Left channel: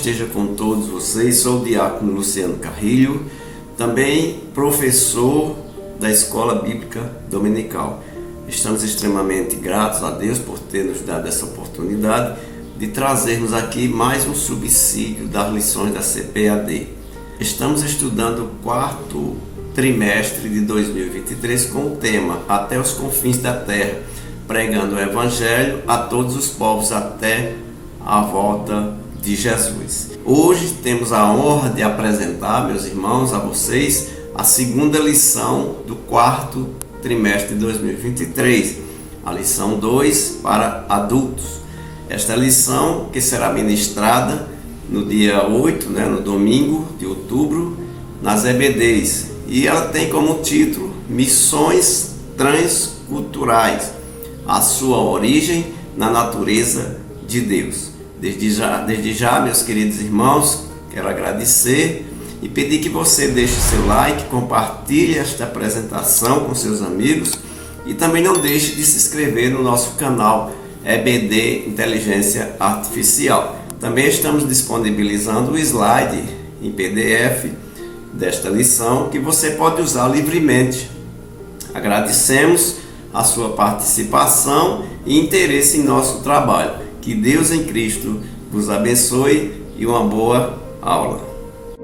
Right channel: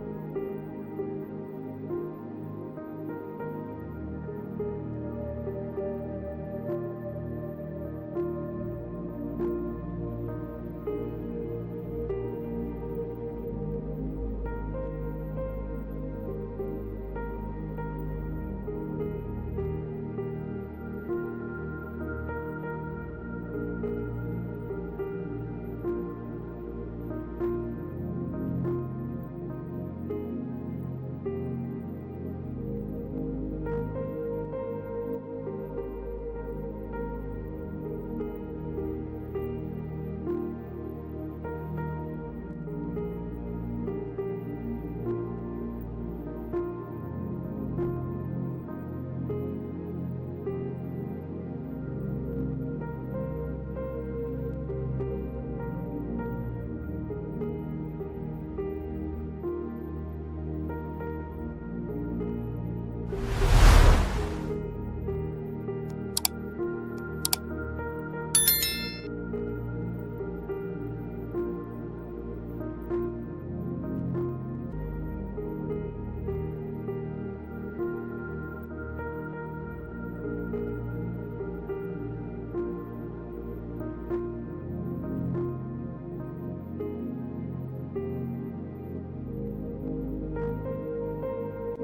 esteja com todos vocês. Sou o diácono Luciano Carrilho, também professor da Escola Bíblica Dominical. Estamos extremamente gratos a Deus por ter nos dado essa oportunidade de trazermos aqui mais um subsídio das lições da CPAD. Estamos estudando o quarto trimestre de 2023 com o tema Até os Confins da Terra, pregando o Evangelho a todos os povos até a volta de Jesus. Hoje temos a honra de apresentar, meus irmãos, a vocês a segunda lição do quarto trimestre de 2023, a lição 2 para adultos. Esta lição que será ministrada no dia 8, no domingo de outubro, nas EBDs, e ela tem como título Missões Transculturais, a sua origem na natureza de Deus. Desde já, meus queridos irmãos, quero agradecer e pedir que você deixe seu like, compartilhe esta apresentação com seus amigos e também não deixe de se inscrever no nosso canal EBD Inteligência Artificial. Também estamos disponibilizando o slide em PDF desta lição que você pode usar livremente. Agradecemos a sua participação e interesse em nosso trabalho. Que Deus em Cristo vos abençoe e uma boa aula.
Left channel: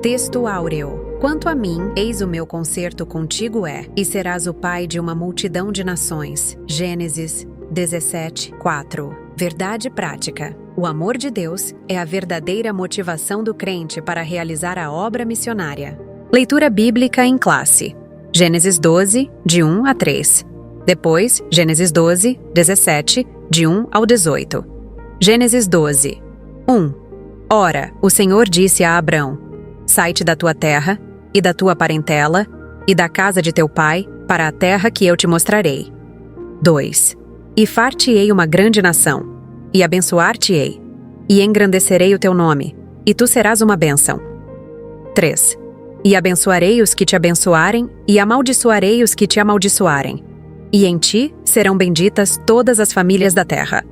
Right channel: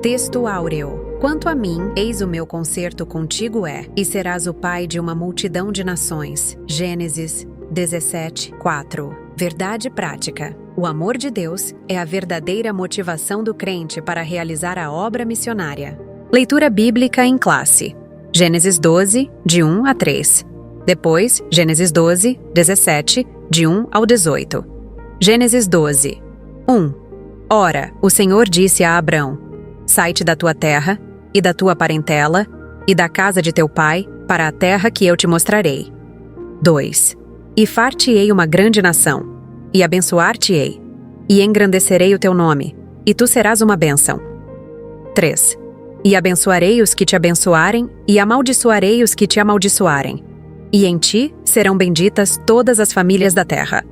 Texto áureo. Quanto a mim, eis o meu concerto contigo e serás o pai de uma multidão de nações. Gênesis 17:4. Verdade prática. O amor de Deus é a verdadeira motivação do crente para realizar a obra missionária. Leitura bíblica em classe. Gênesis 12, de 1 a 3. Depois, Gênesis 12, 17, de 1 ao 18. Gênesis 12, 1. Ora, o Senhor disse a Abrão: sai-te da tua terra, e da tua parentela, e da casa de teu pai, para a terra que eu te mostrarei. 2. E far-te-ei uma grande nação, e abençoar-te-ei, e engrandecerei o teu nome, e tu serás uma bênção. 3. E abençoarei os que te abençoarem, e amaldiçoarei os que te amaldiçoarem. E em ti serão benditas todas as famílias da terra.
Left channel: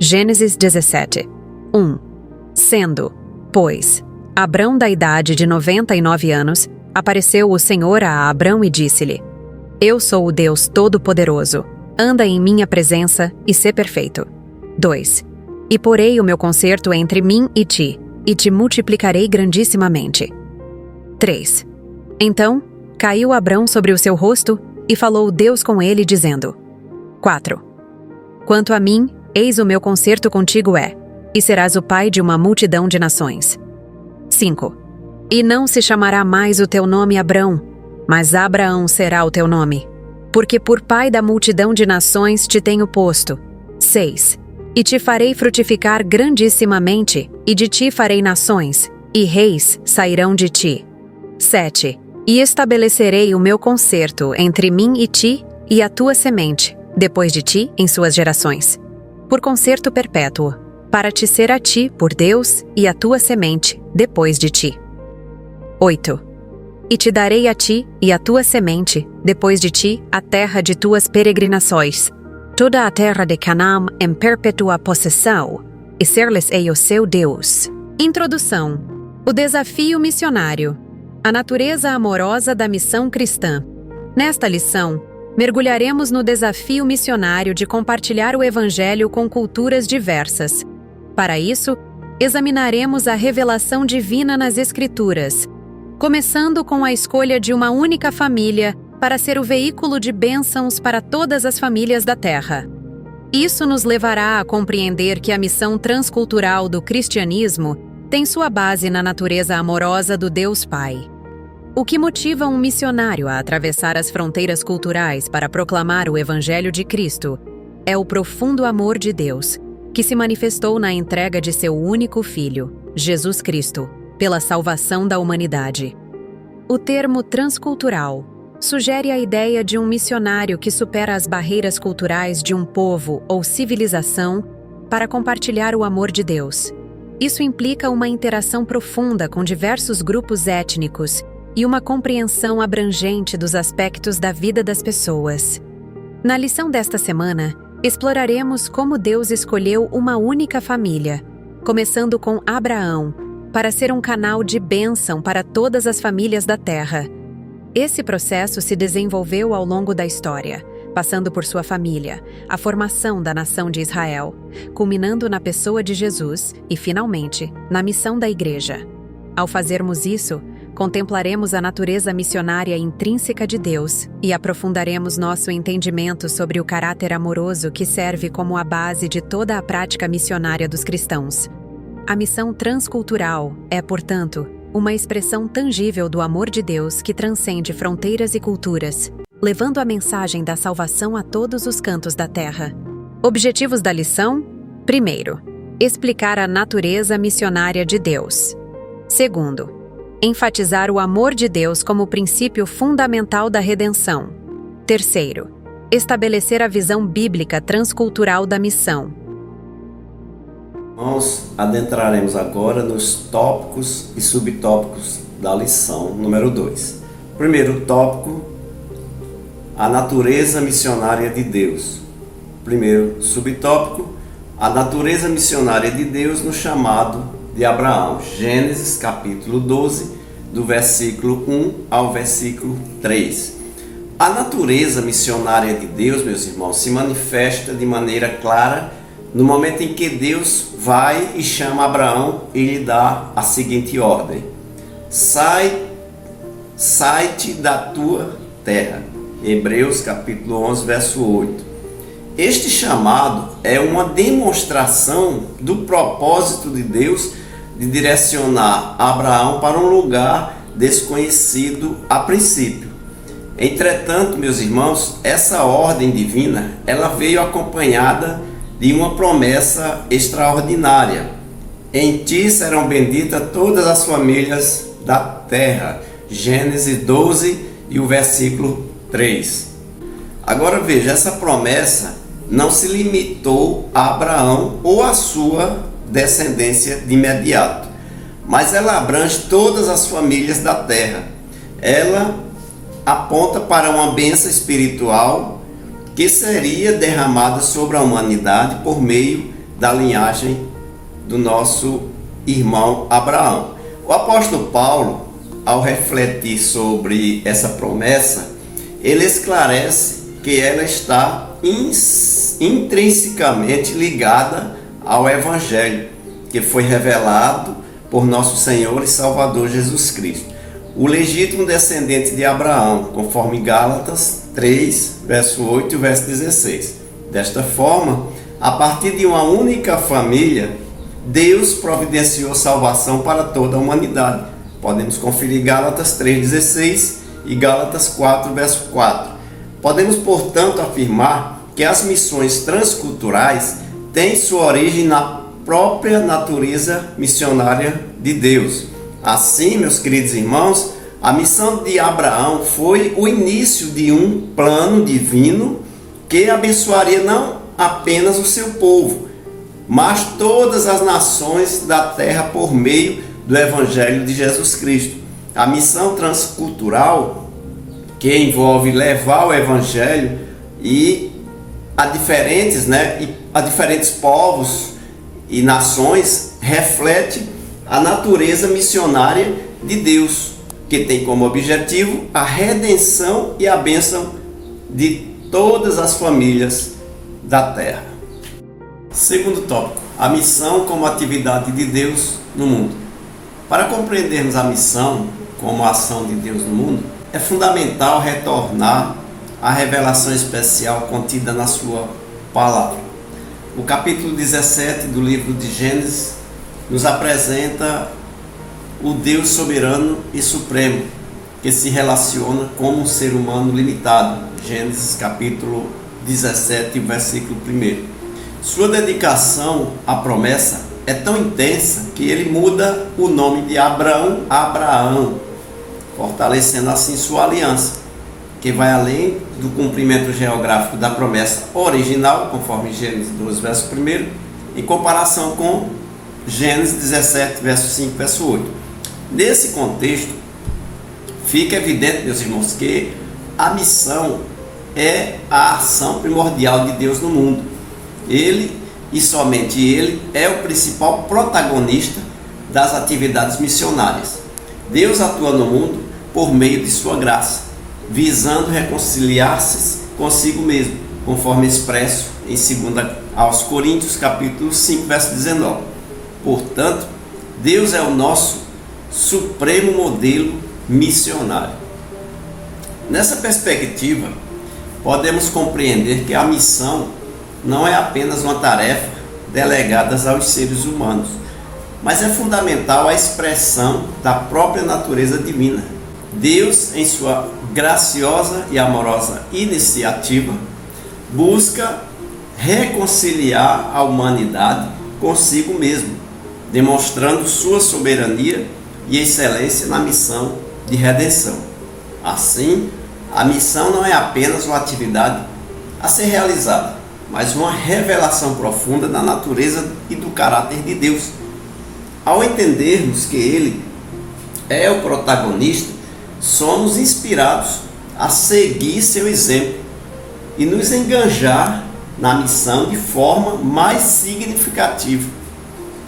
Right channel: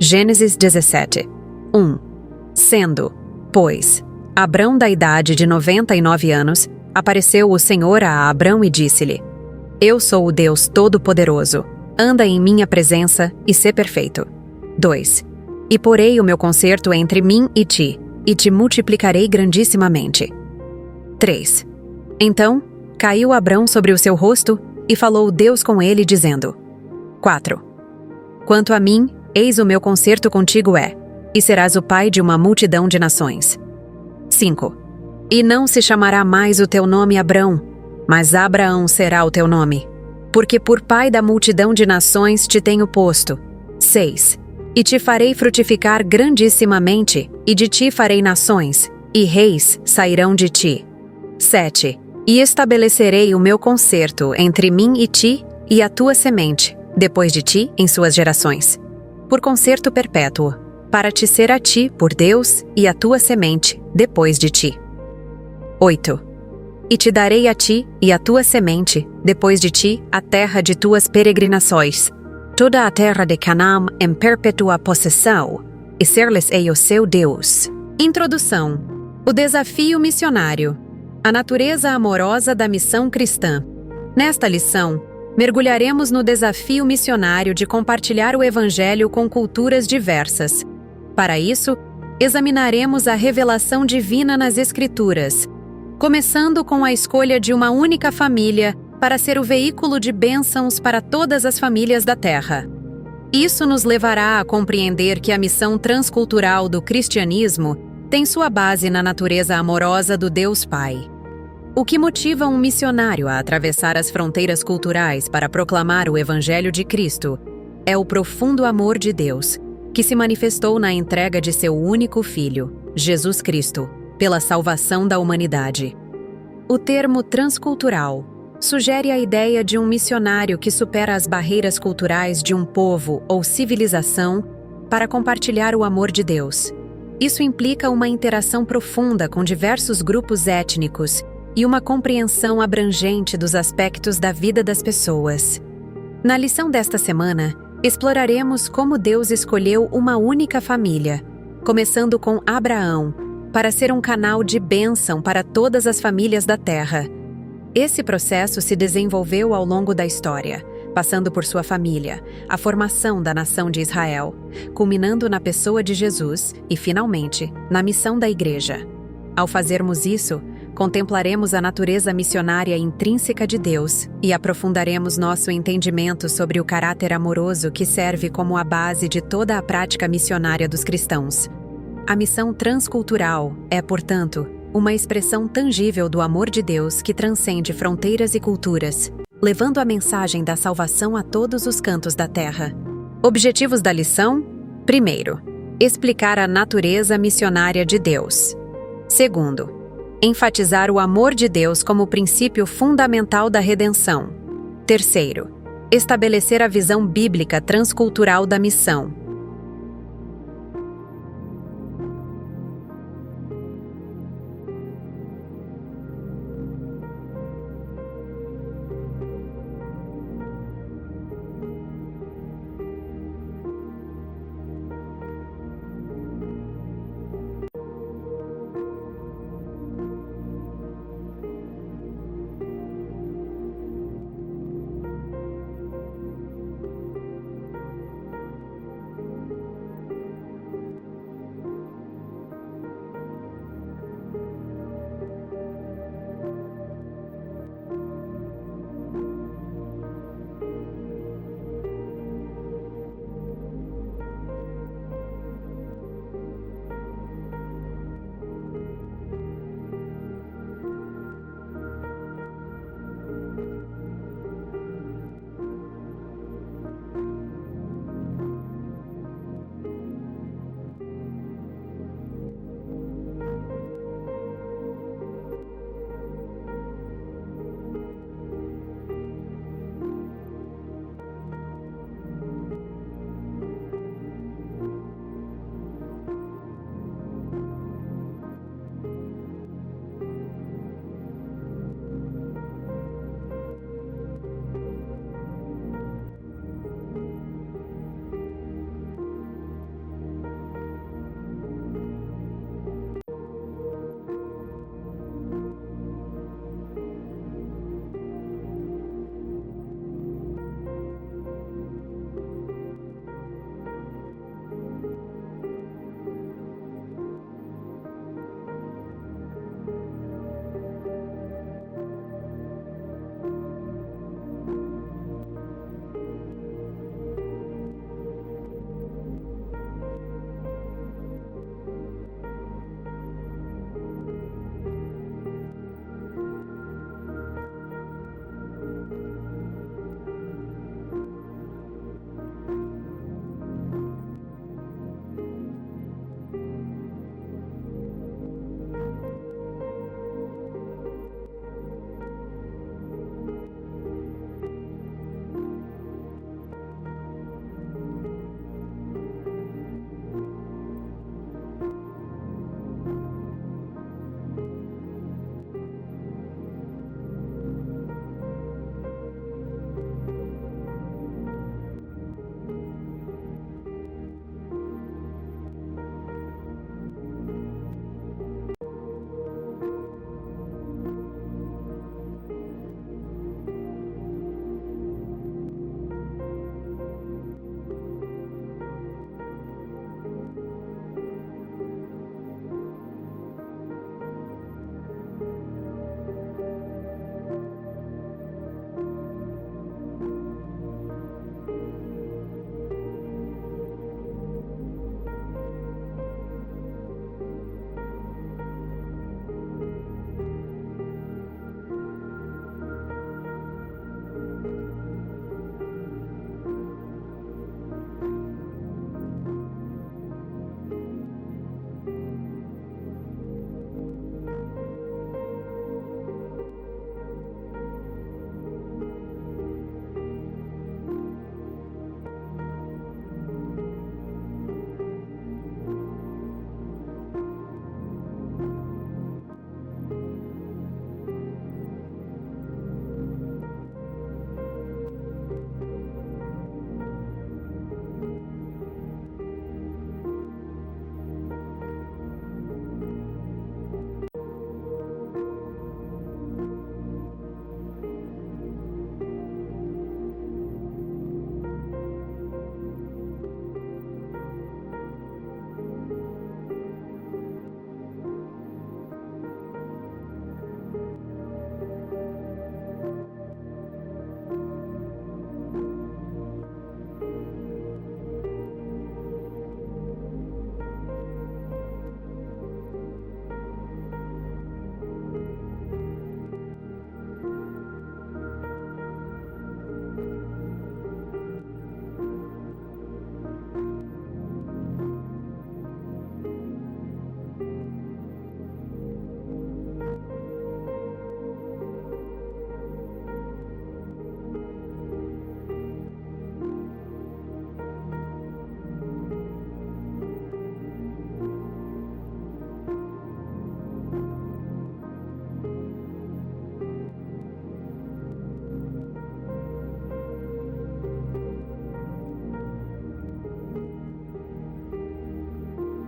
Gênesis 17, 1. Sendo, pois, Abrão da idade de 99 anos, apareceu o Senhor a Abrão e disse-lhe: Eu sou o Deus Todo-Poderoso, anda em minha presença e sê perfeito. 2. E porei o meu concerto entre mim e te multiplicarei grandissimamente. 3. Então, caiu Abrão sobre o seu rosto, e falou Deus com ele, dizendo: 4. Quanto a mim, eis o meu concerto contigo e serás o pai de uma multidão de nações. 5. E não se chamará mais o teu nome Abrão, mas Abraão será o teu nome, porque por pai da multidão de nações te tenho posto. 6. E te farei frutificar grandissimamente, e de ti farei nações, e reis sairão de ti. 7. E estabelecerei o meu concerto entre mim e ti, e a tua semente, depois de ti em suas gerações, por concerto perpétuo, para te ser a ti por Deus e a tua semente depois de ti. 8. E te darei a ti e a tua semente depois de ti a terra de tuas peregrinações, toda a terra de Canaã em perpétua possessão, e ser-lhes-ei o seu Deus. Introdução. O desafio missionário. A natureza amorosa da missão cristã. Nesta lição, mergulharemos no desafio missionário de compartilhar o Evangelho com culturas diversas. Para isso, examinaremos a revelação divina nas Escrituras, começando com a escolha de uma única família para ser o veículo de bênçãos para todas as famílias da Terra. Isso nos levará a compreender que a missão transcultural do cristianismo tem sua base na natureza amorosa do Deus Pai. O que motiva um missionário a atravessar as fronteiras culturais para proclamar o Evangelho de Cristo é o profundo amor de Deus, que se manifestou na entrega de seu único Filho, Jesus Cristo, pela salvação da humanidade. O termo transcultural sugere a ideia de um missionário que supera as barreiras culturais de um povo ou civilização para compartilhar o amor de Deus. Isso implica uma interação profunda com diversos grupos étnicos e uma compreensão abrangente dos aspectos da vida das pessoas. Na lição desta semana, exploraremos como Deus escolheu uma única família, começando com Abraão, para ser um canal de bênção para todas as famílias da Terra. Esse processo se desenvolveu ao longo da história, passando por sua família, a formação da nação de Israel, culminando na pessoa de Jesus e, finalmente, na missão da Igreja. Ao fazermos isso, contemplaremos a natureza missionária intrínseca de Deus e aprofundaremos nosso entendimento sobre o caráter amoroso que serve como a base de toda a prática missionária dos cristãos. A missão transcultural é, portanto, uma expressão tangível do amor de Deus que transcende fronteiras e culturas, levando a mensagem da salvação a todos os cantos da Terra. Objetivos da lição? Primeiro, explicar a natureza missionária de Deus. Segundo, enfatizar o amor de Deus como princípio fundamental da redenção. Terceiro, estabelecer a visão bíblica transcultural da missão. Nós adentraremos agora nos tópicos e subtópicos da lição número 2. Primeiro tópico, a natureza missionária de Deus. Primeiro subtópico, a natureza missionária de Deus no chamado de Abraão. Gênesis capítulo 12, do versículo 1 ao versículo 3. A natureza missionária de Deus, meus irmãos, se manifesta de maneira clara no momento em que Deus vai e chama Abraão e lhe dá a seguinte ordem: sai-te da tua terra. Hebreus capítulo 11, verso 8. Este chamado é uma demonstração do propósito de Deus de direcionar Abraão para um lugar desconhecido a princípio. Entretanto, meus irmãos, essa ordem divina, ela veio acompanhada de uma promessa extraordinária. Em ti serão benditas todas as famílias da terra. Gênesis 12 e o versículo 3. Agora veja, essa promessa não se limitou a Abraão ou a sua descendência de imediato, mas ela abrange todas as famílias da terra. Ela aponta para uma bênção espiritual que seria derramada sobre a humanidade por meio da linhagem do nosso irmão Abraão. O apóstolo Paulo, ao refletir sobre essa promessa, ele esclarece que ela está intrinsecamente ligada ao Evangelho, que foi revelado por nosso Senhor e Salvador Jesus Cristo, o legítimo descendente de Abraão, conforme Gálatas 3, verso 8 e verso 16. Desta forma, a partir de uma única família, Deus providenciou salvação para toda a humanidade. Podemos conferir Gálatas 3,16 e Gálatas 4, verso 4. Podemos, portanto, afirmar que as missões transculturais têm sua origem na própria natureza missionária de Deus. Assim, meus queridos irmãos, a missão de Abraão foi o início de um plano divino que abençoaria não apenas o seu povo, mas todas as nações da terra por meio do Evangelho de Jesus Cristo. A missão transcultural, que envolve levar o Evangelho a diferentes povos e nações, reflete a natureza missionária de Deus, que tem como objetivo a redenção e a bênção de todas as famílias da terra. Segundo tópico, a missão como atividade de Deus no mundo. Para compreendermos a missão como a ação de Deus no mundo, é fundamental retornar à revelação especial contida na sua palavra. O capítulo 17 do livro de Gênesis nos apresenta o Deus soberano e supremo, que se relaciona com um ser humano limitado. Gênesis capítulo 17, versículo 1. Sua dedicação à promessa é tão intensa que ele muda o nome de Abraão a Abraão, fortalecendo assim sua aliança, que vai além do cumprimento geográfico da promessa original, conforme Gênesis 12, verso 1, em comparação com Gênesis 17, verso 5, verso 8. Nesse contexto, fica evidente, meus irmãos, que a missão é a ação primordial de Deus no mundo. Ele, e somente Ele, é o principal protagonista das atividades missionárias. Deus atua no mundo por meio de sua graça, visando reconciliar-se consigo mesmo, conforme expresso em 2 aos Coríntios, capítulo 5, verso 19. Portanto, Deus é o nosso supremo modelo missionário. Nessa perspectiva, podemos compreender que a missão não é apenas uma tarefa delegada aos seres humanos, mas é fundamental a expressão da própria natureza divina. Deus, em sua graciosa e amorosa iniciativa, busca reconciliar a humanidade consigo mesmo, demonstrando sua soberania e excelência na missão de redenção. Assim, a missão não é apenas uma atividade a ser realizada, mas uma revelação profunda da natureza e do caráter de Deus. Ao entendermos que Ele é o protagonista, somos inspirados a seguir seu exemplo e nos engajar na missão de forma mais significativa,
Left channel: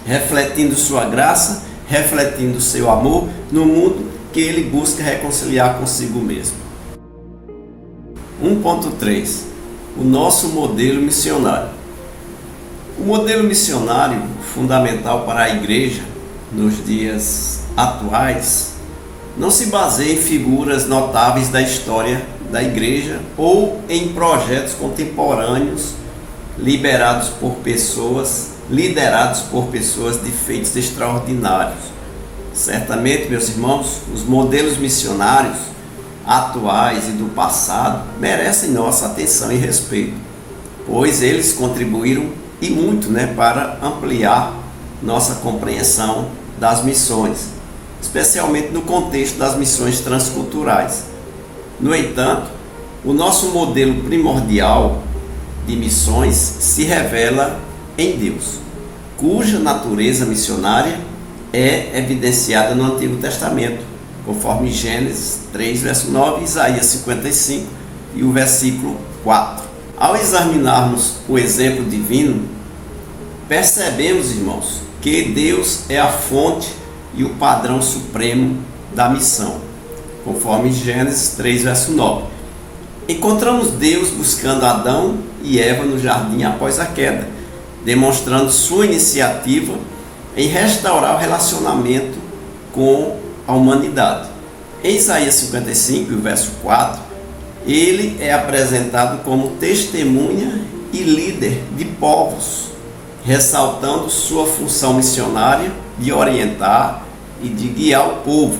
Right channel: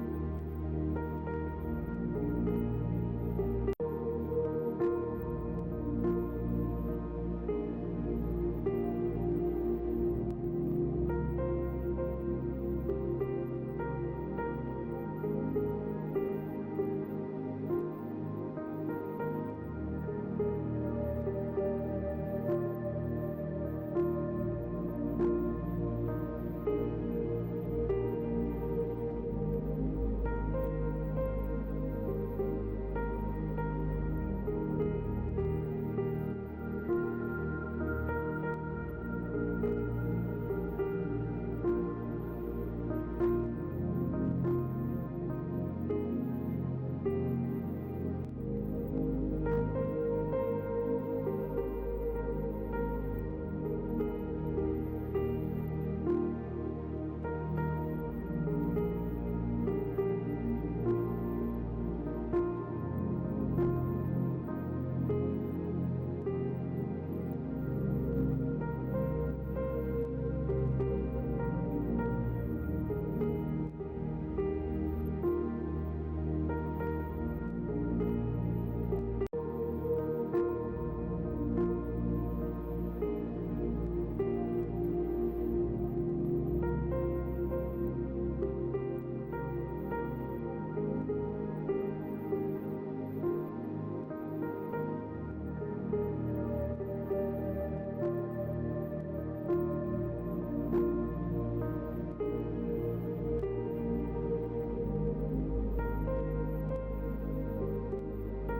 refletindo sua graça, refletindo seu amor no mundo que Ele busca reconciliar consigo mesmo. 1.3. O nosso modelo missionário. O modelo missionário fundamental para a igreja nos dias atuais não se baseia em figuras notáveis da história da igreja ou em projetos contemporâneos liderados por pessoas de feitos extraordinários. Certamente, meus irmãos, os modelos missionários atuais e do passado merecem nossa atenção e respeito, pois eles contribuíram e muito, para ampliar nossa compreensão das missões, especialmente no contexto das missões transculturais. No entanto, o nosso modelo primordial de missões se revela em Deus, cuja natureza missionária é evidenciada no Antigo Testamento, conforme Gênesis 3, verso 9, Isaías 55 e o versículo 4. Ao examinarmos o exemplo divino, percebemos, irmãos, que Deus é a fonte e o padrão supremo da missão, conforme Gênesis 3, verso 9. Encontramos Deus buscando Adão e Eva no jardim após a queda, demonstrando sua iniciativa em restaurar o relacionamento com a humanidade. Em Isaías 55, verso 4, ele é apresentado como testemunha e líder de povos, ressaltando sua função missionária de orientar e de guiar o povo.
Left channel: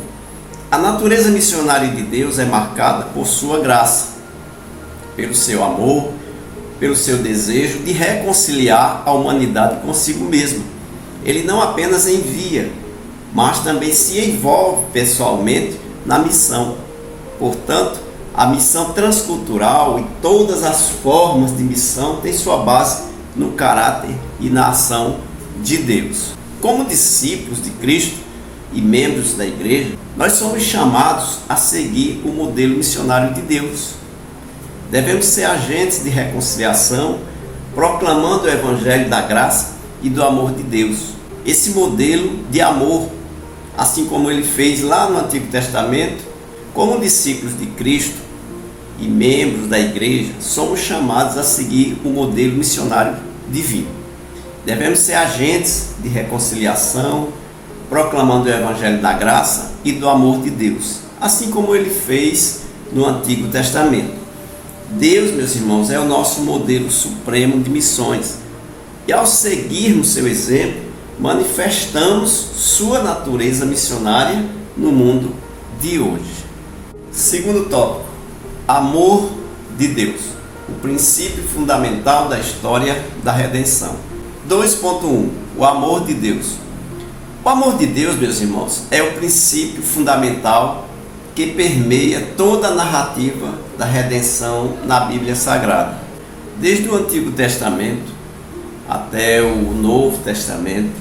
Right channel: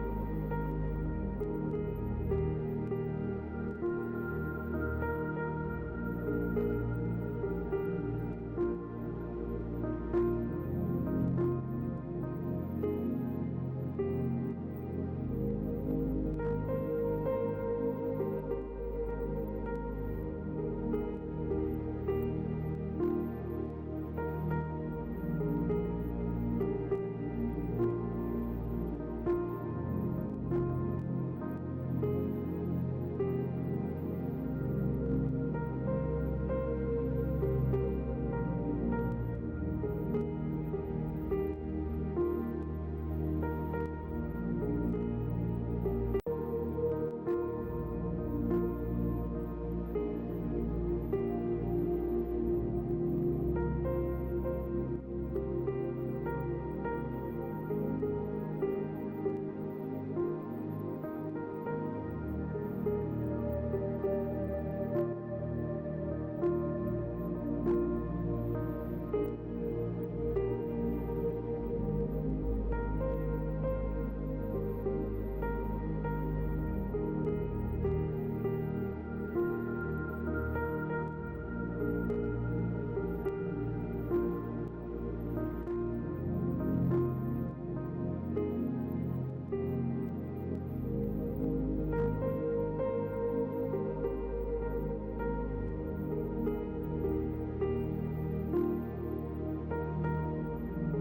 A natureza missionária de Deus é marcada por sua graça, pelo seu amor, pelo seu desejo de reconciliar a humanidade consigo mesmo. Ele não apenas envia, mas também se envolve pessoalmente na missão. Portanto, a missão transcultural e todas as formas de missão têm sua base no caráter e na ação de Deus. Como discípulos de Cristo e membros da igreja, nós somos chamados a seguir o modelo missionário de Deus. Devemos ser agentes de reconciliação, proclamando o evangelho da graça e do amor de Deus. Esse modelo de amor, assim como ele fez lá no Antigo Testamento, como discípulos de Cristo e membros da igreja, somos chamados a seguir o modelo missionário divino. Devemos ser agentes de reconciliação, proclamando o evangelho da graça e do amor de Deus, assim como ele fez no Antigo Testamento. Deus, meus irmãos, é o nosso modelo supremo de missões. E ao seguirmos seu exemplo, manifestamos sua natureza missionária no mundo de hoje. Segundo tópico, amor de Deus, o princípio fundamental da história da redenção. 2.1. O amor de Deus. O amor de Deus, meus irmãos, é o princípio fundamental que permeia toda a narrativa da redenção na Bíblia Sagrada. Desde o Antigo Testamento até o Novo Testamento,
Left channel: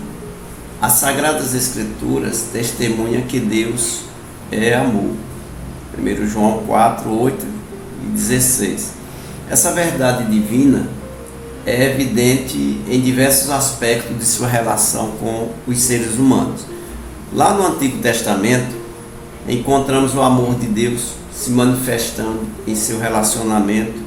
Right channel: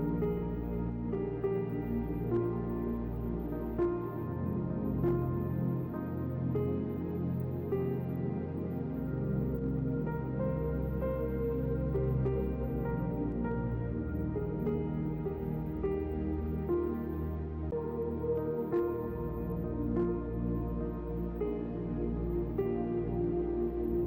as Sagradas Escrituras testemunham que Deus é amor. 1 João 4, 8 e 16. Essa verdade divina é evidente em diversos aspectos de sua relação com os seres humanos. Lá no Antigo Testamento, encontramos o amor de Deus se manifestando em seu relacionamento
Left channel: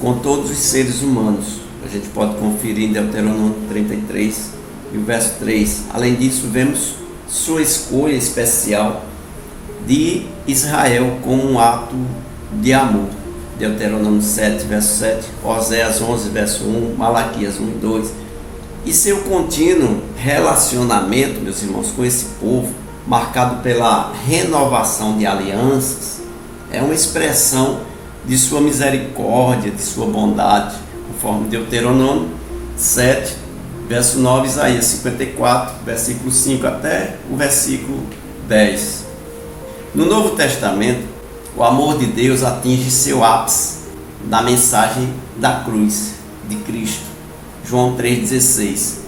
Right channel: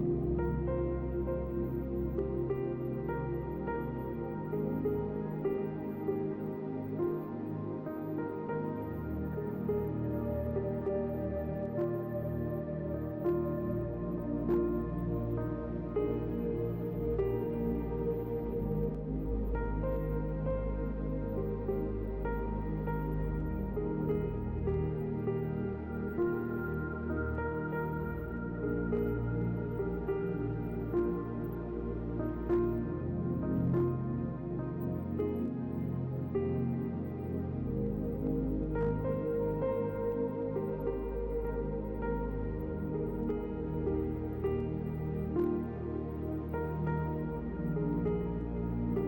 com todos os seres humanos. A gente pode conferir em Deuteronômio 33 e o verso 3. Além disso, vemos sua escolha especial de Israel como um ato de amor. Deuteronômio 7, verso 7, Oséias 11, verso 1, Malaquias 1 e 2. E seu contínuo relacionamento, meus irmãos, com esse povo, marcado pela renovação de alianças, é uma expressão de sua misericórdia, de sua bondade, conforme Deuteronômio 7, verso 9, Isaías 54, versículo 5 até o versículo 10. No Novo Testamento, o amor de Deus atinge seu ápice na mensagem da cruz de Cristo. João 3,16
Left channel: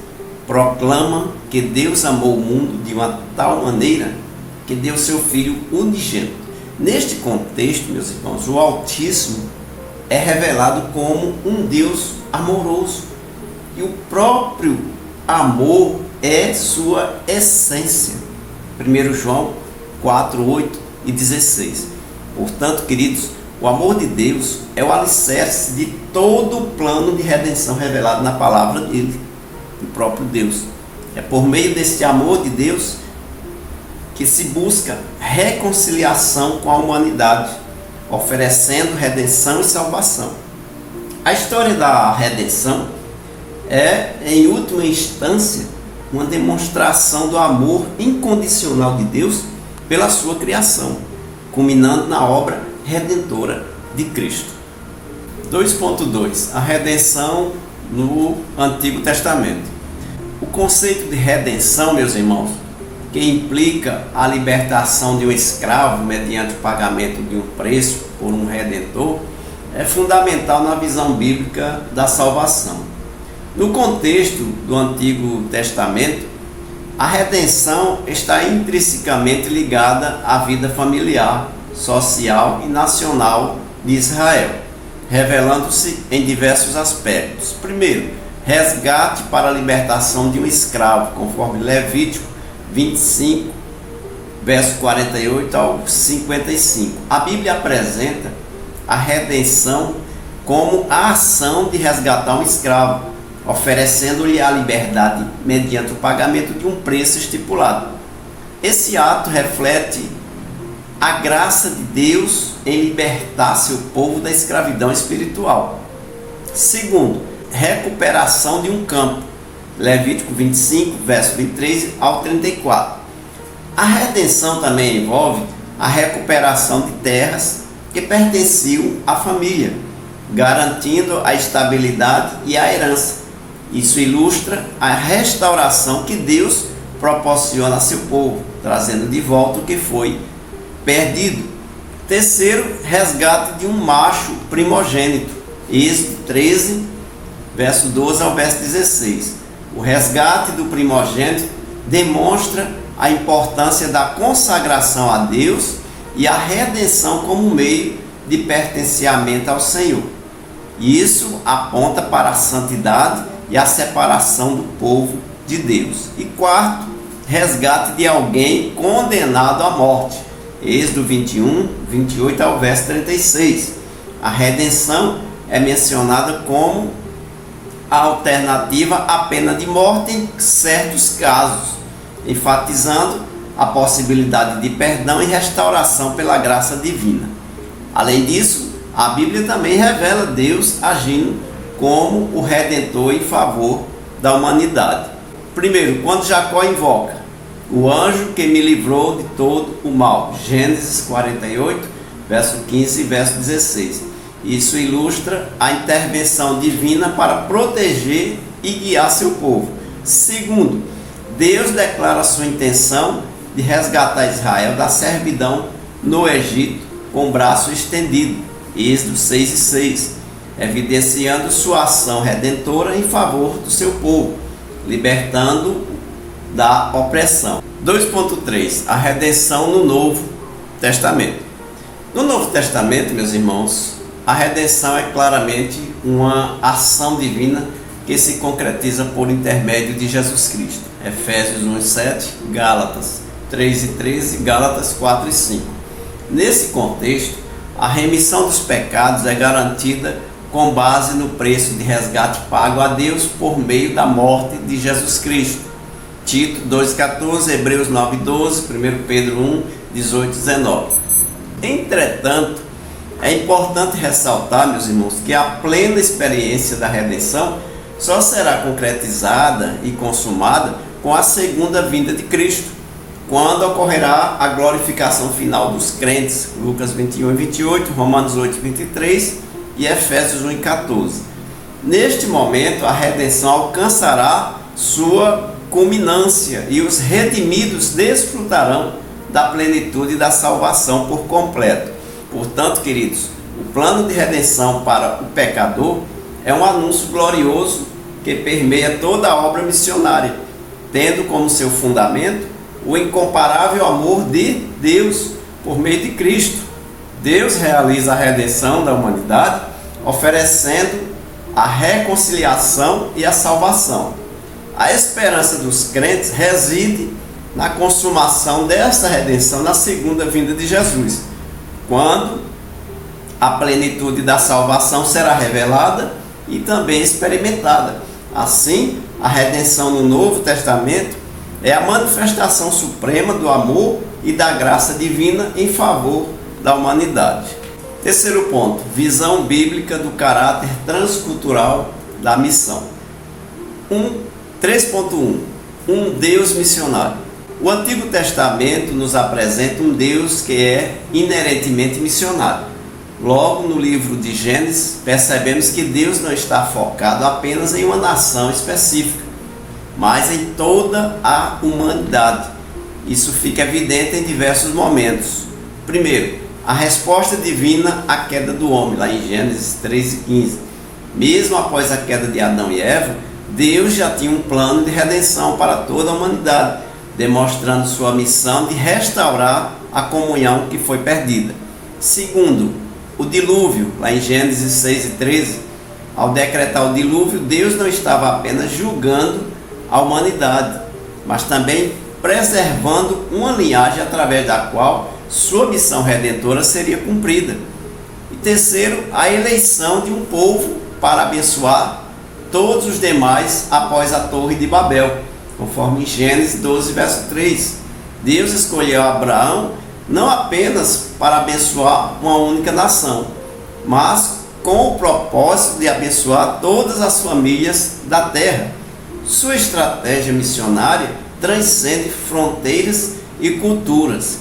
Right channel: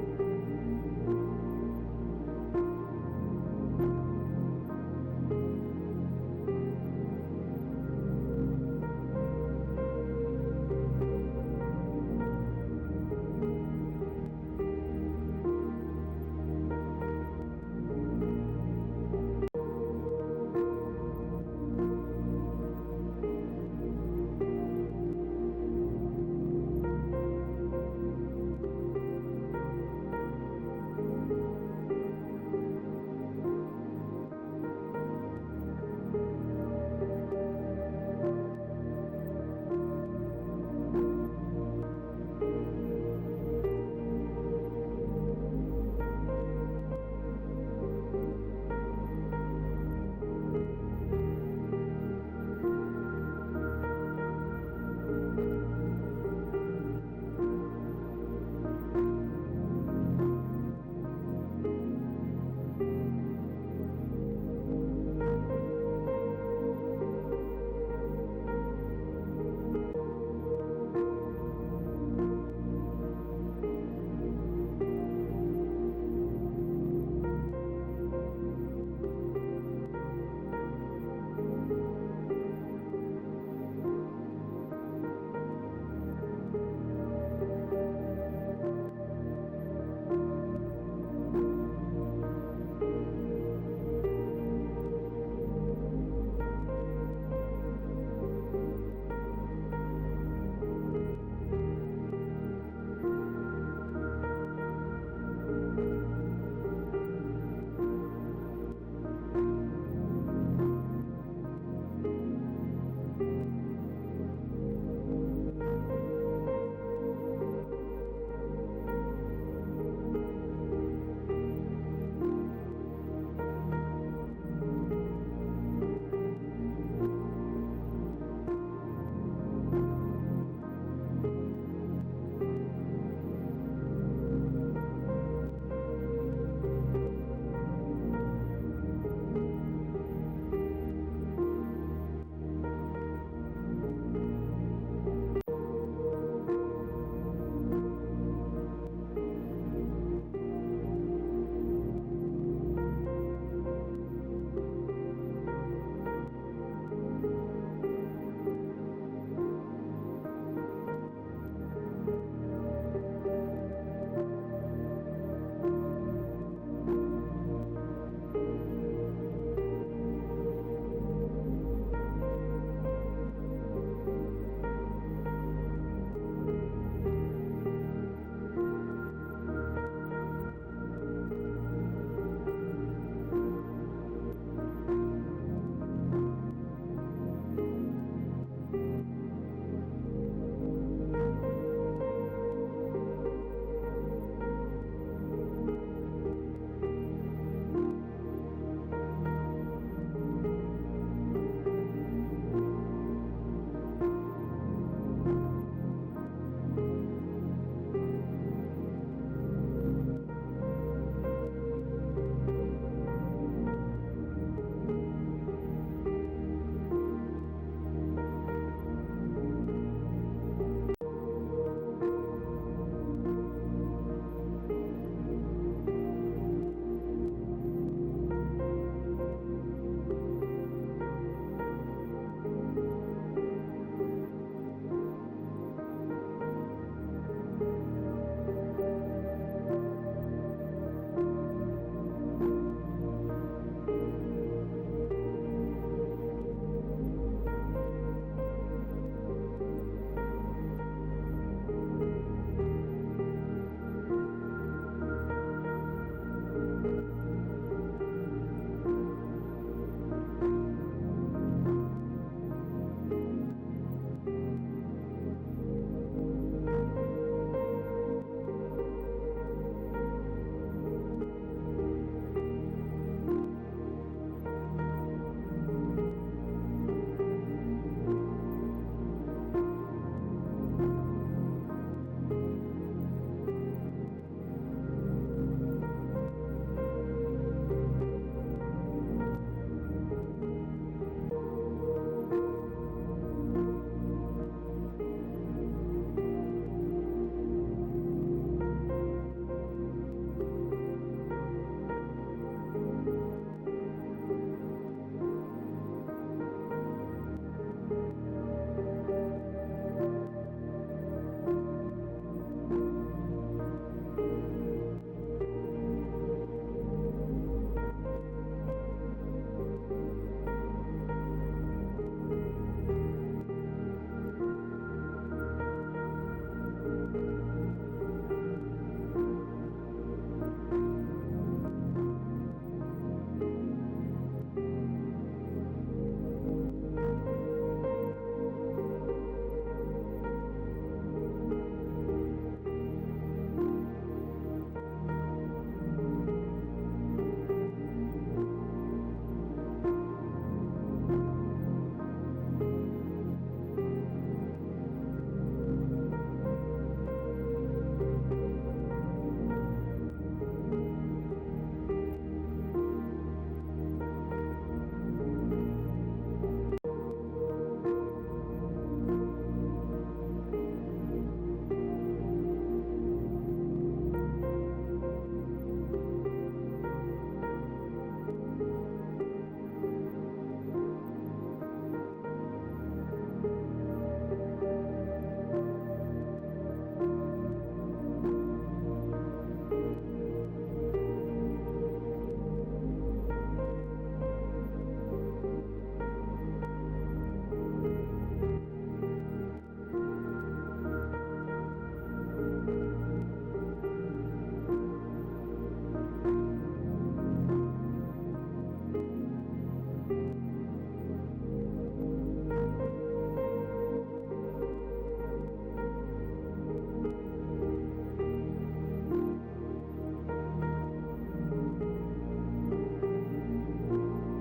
proclama que Deus amou o mundo de uma tal maneira que deu seu Filho unigênito. Neste contexto, meus irmãos, o Altíssimo é revelado como um Deus amoroso. E o próprio amor é sua essência. 1 João 4, 8 e 16. Portanto, queridos, o amor de Deus é o alicerce de todo o plano de redenção revelado na palavra dele, do próprio Deus. É por meio deste amor de Deus que se busca reconciliação com a humanidade, oferecendo redenção e salvação. A história da redenção é, em última instância, uma demonstração do amor incondicional de Deus pela sua criação, culminando na obra redentora de Cristo. 2.2 A redenção no Antigo Testamento. O conceito de redenção, meus irmãos, que implica a libertação de um escravo mediante o pagamento de um preço por um redentor, é fundamental na visão bíblica da salvação. No contexto do Antigo Testamento, a redenção está intrinsecamente ligada à vida familiar, social e nacional de Israel, revelando-se em diversos aspectos. Primeiro, resgate para a libertação de um escravo, conforme Levítico 25, verso 48 ao 55. A Bíblia apresenta a redenção como a ação de resgatar um escravo, oferecendo-lhe a liberdade mediante o pagamento de um preço estipulado. Esse ato reflete a graça de Deus em libertar seu povo da escravidão espiritual. Segundo, recuperação de um campo. Levítico 25, verso 23 ao 34. A redenção também envolve a recuperação de terras que pertenciam à família, garantindo a estabilidade e a herança. Isso ilustra a restauração que Deus proporciona a seu povo, trazendo de volta o que foi perdido. Terceiro, resgate de um macho primogênito. Êxodo 13, verso 12 ao verso 16. O resgate do primogênito demonstra a importância da consagração a Deus e a redenção como meio de pertencimento ao Senhor. Isso aponta para a santidade e a separação do povo de Deus. E quarto, resgate de alguém condenado à morte. Êxodo 21, 28 ao verso 36. A redenção é mencionada como a alternativa à pena de morte em certos casos, enfatizando a possibilidade de perdão e restauração pela graça divina. Além disso, a Bíblia também revela Deus agindo como o Redentor em favor da humanidade. Primeiro, quando Jacó invoca o anjo que me livrou de todo o mal, Gênesis 48, verso 15 e verso 16. Isso ilustra a intervenção divina para proteger e guiar seu povo. Segundo, Deus declara sua intenção de resgatar Israel da servidão no Egito com o braço estendido, Êxodo 6 e 6, evidenciando sua ação redentora em favor do seu povo, libertando da opressão. 2.3 A redenção no Novo Testamento. No Novo Testamento, meus irmãos, a redenção é claramente uma ação divina que se concretiza por intermédio de Jesus Cristo. Efésios 1:7, Gálatas 3:13, Gálatas 4:5. Nesse contexto, a remissão dos pecados é garantida com base no preço de resgate pago a Deus por meio da morte de Jesus Cristo. Tito 2:14, Hebreus 9:12, 1 Pedro 1:18-19. Entretanto, é importante ressaltar, meus irmãos, que a plena experiência da redenção só será concretizada e consumada com a segunda vinda de Cristo, quando ocorrerá a glorificação final dos crentes. Lucas 21:28, Romanos 8:23 e Efésios 1:14. Neste momento, a redenção alcançará sua culminância e os redimidos desfrutarão da plenitude da salvação por completo. Portanto, queridos, o plano de redenção para o pecador é um anúncio glorioso que permeia toda a obra missionária, tendo como seu fundamento o incomparável amor de Deus por meio de Cristo. Deus realiza a redenção da humanidade, oferecendo a reconciliação e a salvação. A esperança dos crentes reside na consumação desta redenção na segunda vinda de Jesus, quando a plenitude da salvação será revelada e também experimentada. Assim, a redenção no Novo Testamento é a manifestação suprema do amor e da graça divina em favor da humanidade. Terceiro ponto, visão bíblica do caráter transcultural da missão. 3.1. Um Deus missionário. O Antigo Testamento nos apresenta um Deus que é inerentemente missionário. Logo, no livro de Gênesis, percebemos que Deus não está focado apenas em uma nação específica, mas em toda a humanidade. Isso fica evidente em diversos momentos. Primeiro, a resposta divina à queda do homem, lá em Gênesis 3:15. Mesmo após a queda de Adão e Eva, Deus já tinha um plano de redenção para toda a humanidade, demonstrando sua missão de restaurar a comunhão que foi perdida. Segundo, o dilúvio, lá em Gênesis 6:13. Ao decretar o dilúvio, Deus não estava apenas julgando a humanidade, mas também preservando uma linhagem através da qual sua missão redentora seria cumprida. E terceiro, a eleição de um povo para abençoar todos os demais após a Torre de Babel, conforme em Gênesis 12, verso 3. Deus escolheu Abraão não apenas para abençoar uma única nação, mas com o propósito de abençoar todas as famílias da terra. Sua estratégia missionária transcende fronteiras e culturas.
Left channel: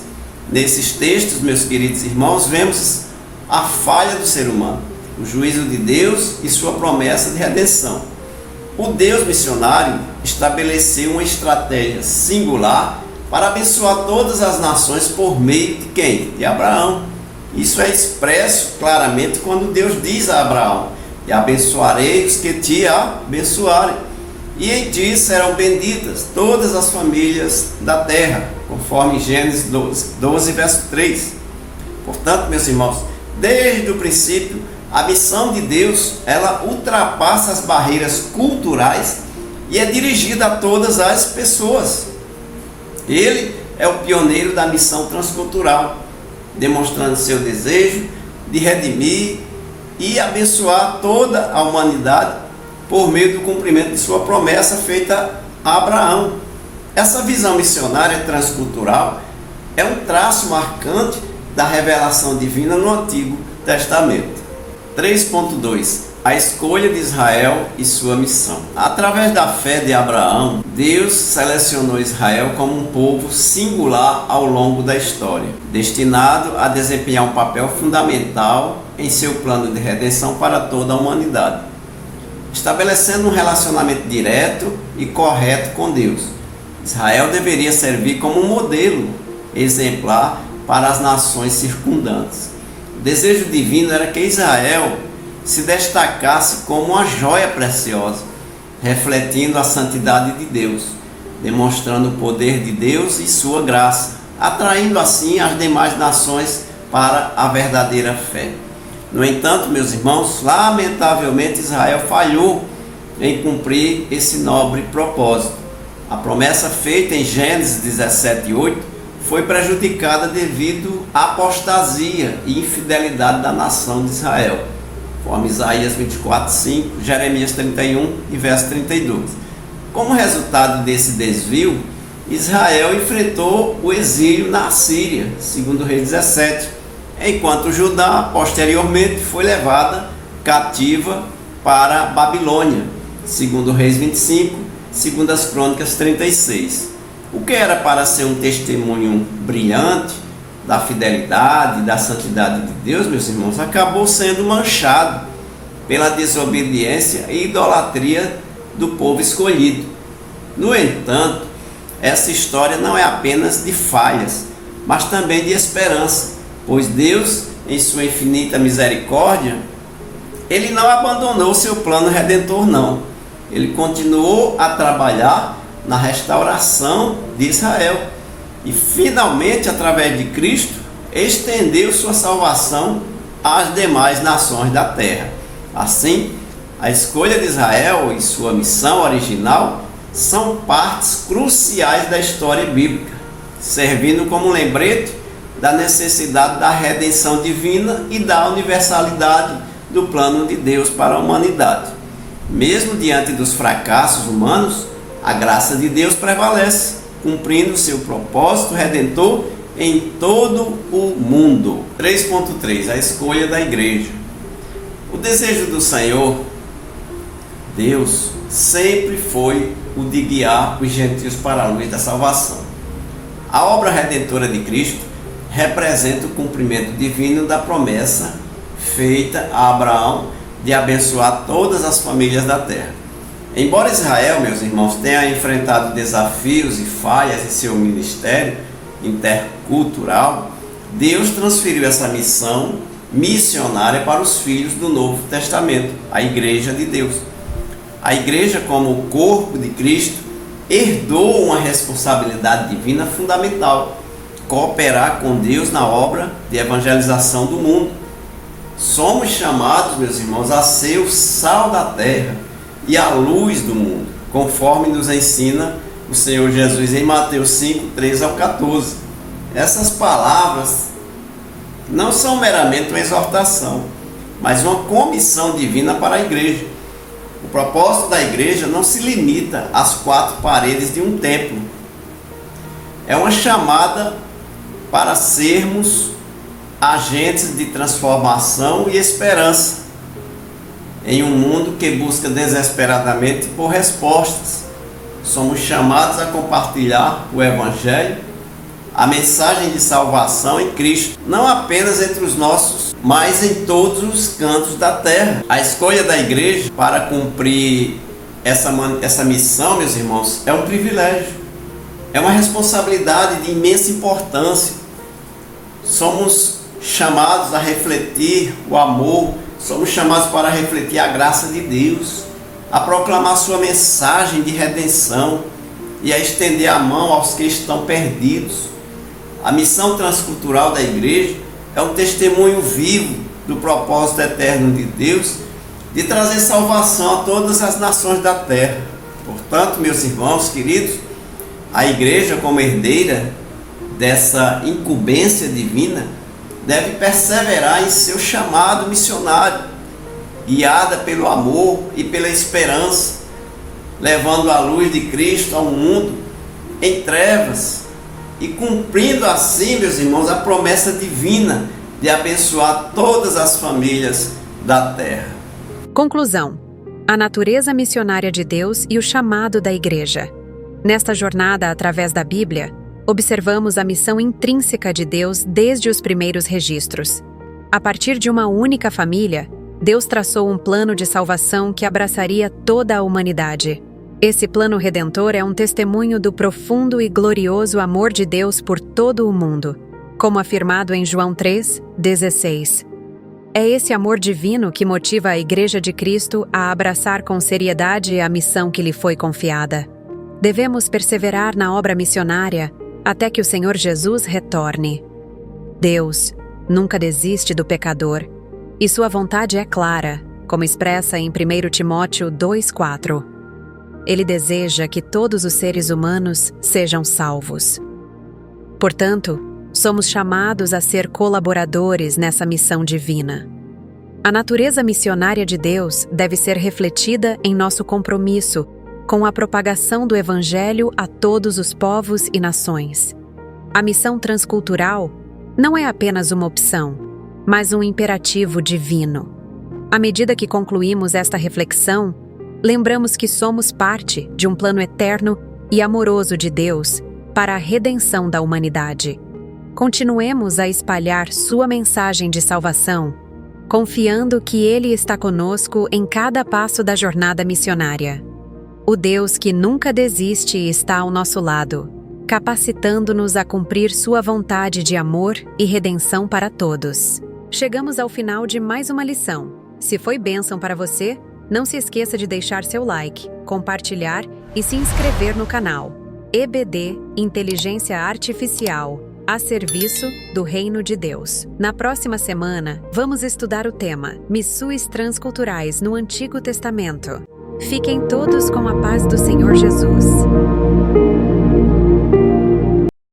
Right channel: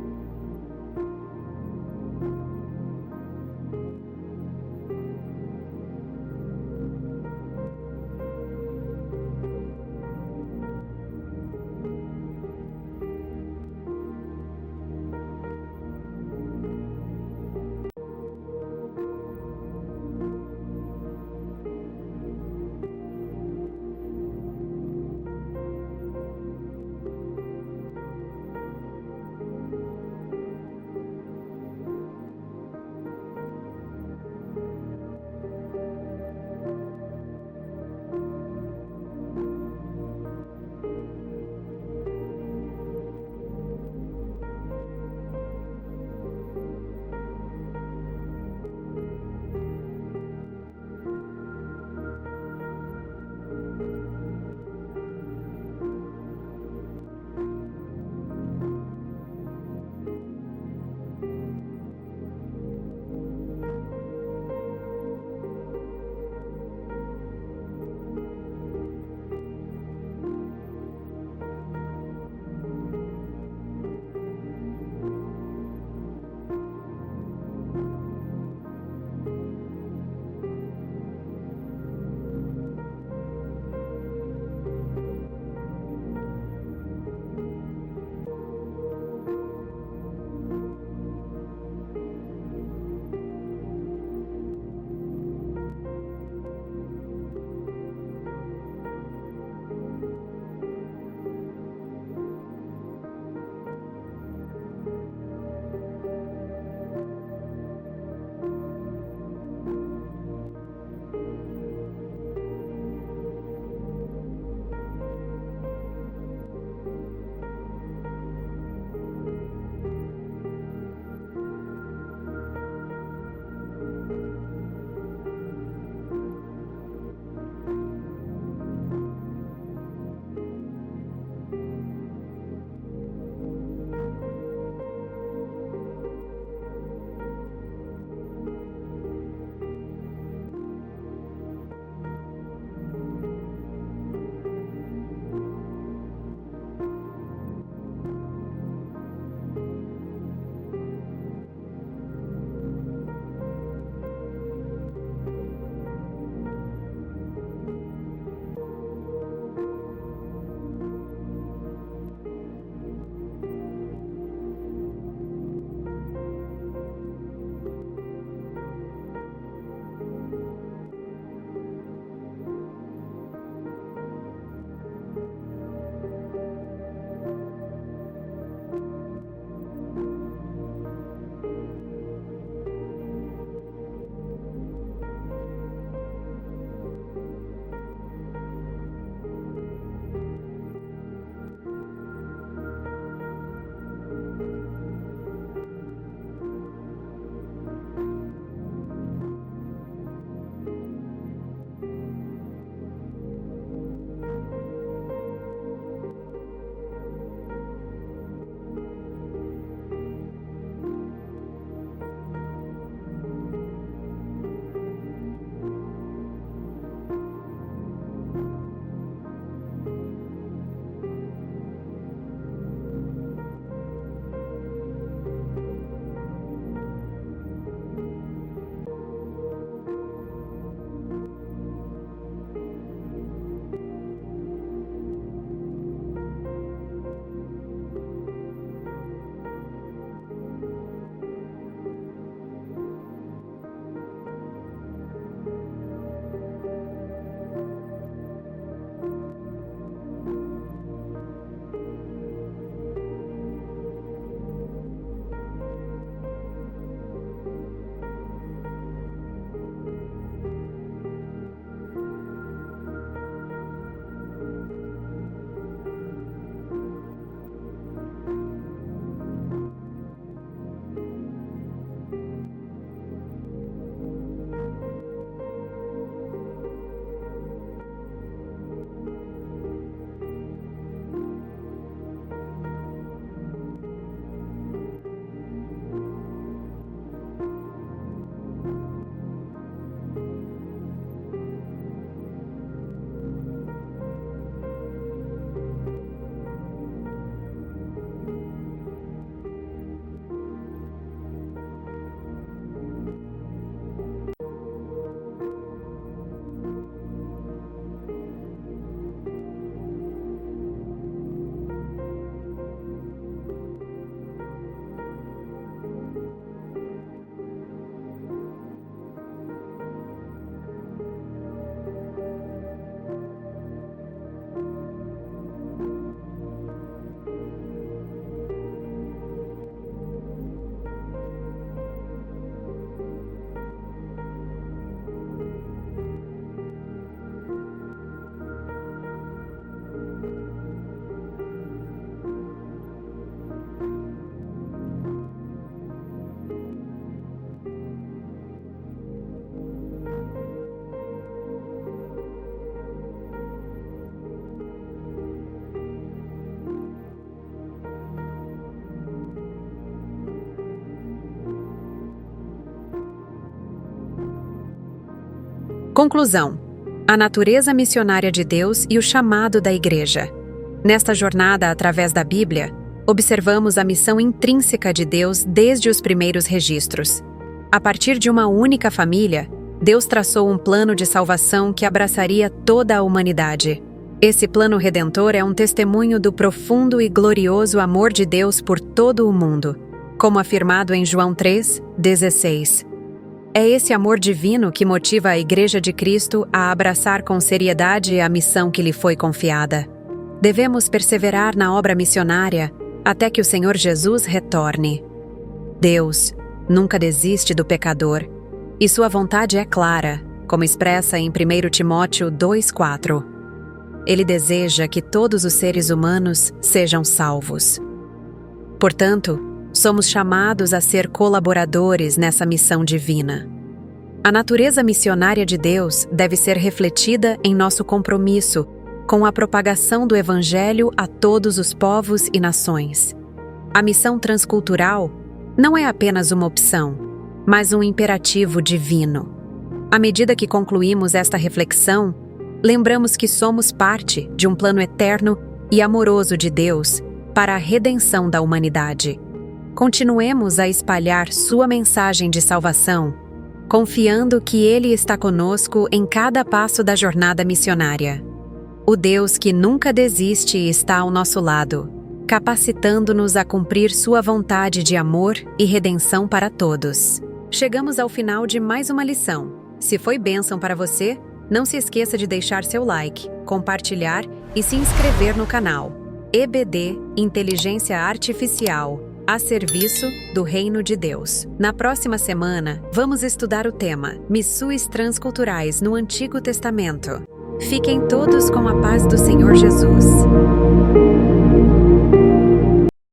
Nesses textos, meus queridos irmãos, vemos a falha do ser humano, o juízo de Deus e sua promessa de redenção. O Deus missionário estabeleceu uma estratégia singular para abençoar todas as nações por meio de quem? De Abraão. Isso é expresso claramente quando Deus diz a Abraão: e abençoarei os que te abençoarem, e em ti serão benditas todas as famílias da terra, conforme Gênesis 12, verso 3. Portanto, meus irmãos, desde o princípio, a missão de Deus, ela ultrapassa as barreiras culturais e é dirigida a todas as pessoas. Ele é o pioneiro da missão transcultural, demonstrando seu desejo de redimir e abençoar toda a humanidade por meio do cumprimento de sua promessa feita a Abraão. Essa visão missionária transcultural é um traço marcante da revelação divina no Antigo Testamento. 3.2. A escolha de Israel e sua missão. Através da fé de Abraão, Deus selecionou Israel como um povo singular ao longo da história, destinado a desempenhar um papel fundamental em seu plano de redenção para toda a humanidade, estabelecendo um relacionamento direto e correto com Deus. Israel deveria servir como um modelo exemplar para as nações circundantes. O desejo divino era que Israel se destacasse como uma joia preciosa, refletindo a santidade de Deus, demonstrando o poder de Deus e sua graça, atraindo assim as demais nações para a verdadeira fé. No entanto, meus irmãos, lamentavelmente Israel falhou em cumprir esse nobre propósito. A promessa feita em Gênesis 17:8 foi prejudicada devido à apostasia e infidelidade da nação de Israel, conforme Isaías 24:5, Jeremias 31 e verso 32. Como resultado desse desvio, Israel enfrentou o exílio na Síria, segundo Reis 17, enquanto Judá posteriormente foi levada cativa para a Babilônia, segundo Reis 25, segundo as Crônicas 36. O que era para ser um testemunho brilhante da fidelidade e da santidade de Deus, meus irmãos, acabou sendo manchado pela desobediência e idolatria do povo escolhido. No entanto, essa história não é apenas de falhas, mas também de esperança, pois Deus, em sua infinita misericórdia, Ele não abandonou seu plano redentor, não. Ele continuou a trabalhar na restauração de Israel e finalmente, através de Cristo, estendeu sua salvação às demais nações da terra. Assim, a escolha de Israel e sua missão original são partes cruciais da história bíblica, servindo como lembrete da necessidade da redenção divina e da universalidade do plano de Deus para a humanidade. Mesmo diante dos fracassos humanos, a graça de Deus prevalece, cumprindo seu propósito redentor em todo o mundo. 3.3. A escolha da igreja. O desejo do Senhor, Deus, sempre foi o de guiar os gentios para a luz da salvação. A obra redentora de Cristo representa o cumprimento divino da promessa feita a Abraão de abençoar todas as famílias da terra. Embora Israel, meus irmãos, tenha enfrentado desafios e falhas em seu ministério intercultural, Deus transferiu essa missão missionária para os filhos do Novo Testamento, a Igreja de Deus. A Igreja, como o corpo de Cristo, herdou uma responsabilidade divina fundamental: cooperar com Deus na obra de evangelização do mundo. Somos chamados, meus irmãos, a ser o sal da terra e a luz do mundo, conforme nos ensina o Senhor Jesus em Mateus 5, 13 ao 14. Essas palavras não são meramente uma exortação, mas uma comissão divina para a igreja. O propósito da igreja não se limita às quatro paredes de um templo. É uma chamada para sermos agentes de transformação e esperança em um mundo que busca desesperadamente por respostas. Somos chamados a compartilhar o Evangelho, a mensagem de salvação em Cristo, não apenas entre os nossos, mas em todos os cantos da terra. A escolha da igreja para cumprir essa missão, meus irmãos, é um privilégio, é uma responsabilidade de imensa importância. Somos chamados a refletir o amor, somos chamados para refletir a graça de Deus, a proclamar sua mensagem de redenção e a estender a mão aos que estão perdidos. A missão transcultural da igreja é um testemunho vivo do propósito eterno de Deus de trazer salvação a todas as nações da terra. Portanto, meus irmãos queridos, a igreja, como herdeira dessa incumbência divina, deve perseverar em seu chamado missionário, guiada pelo amor e pela esperança, levando a luz de Cristo ao mundo em trevas e cumprindo assim, meus irmãos, a promessa divina de abençoar todas as famílias da terra. Conclusão: a natureza missionária de Deus e o chamado da igreja. Nesta jornada através da Bíblia, observamos a missão intrínseca de Deus desde os primeiros registros. A partir de uma única família, Deus traçou um plano de salvação que abraçaria toda a humanidade. Esse plano redentor é um testemunho do profundo e glorioso amor de Deus por todo o mundo, como afirmado em João 3:16. É esse amor divino que motiva a Igreja de Cristo a abraçar com seriedade a missão que lhe foi confiada. Devemos perseverar na obra missionária até que o Senhor Jesus retorne. Deus nunca desiste do pecador, e sua vontade é clara, como expressa em 1 Timóteo 2:4. Ele deseja que todos os seres humanos sejam salvos. Portanto, somos chamados a ser colaboradores nessa missão divina. A natureza missionária de Deus deve ser refletida em nosso compromisso com a propagação do Evangelho a todos os povos e nações. A missão transcultural não é apenas uma opção, mas um imperativo divino. À medida que concluímos esta reflexão, lembramos que somos parte de um plano eterno e amoroso de Deus para a redenção da humanidade. Continuemos a espalhar sua mensagem de salvação, confiando que Ele está conosco em cada passo da jornada missionária. O Deus que nunca desiste está ao nosso lado, capacitando-nos a cumprir sua vontade de amor e redenção para todos. Chegamos ao final de mais uma lição. Se foi bênção para você, não se esqueça de deixar seu like, compartilhar e se inscrever no canal. EBD Inteligência Artificial, a serviço do Reino de Deus. Na próxima semana, vamos estudar o tema Missões Transculturais no Antigo Testamento. Fiquem todos com a paz do Senhor Jesus.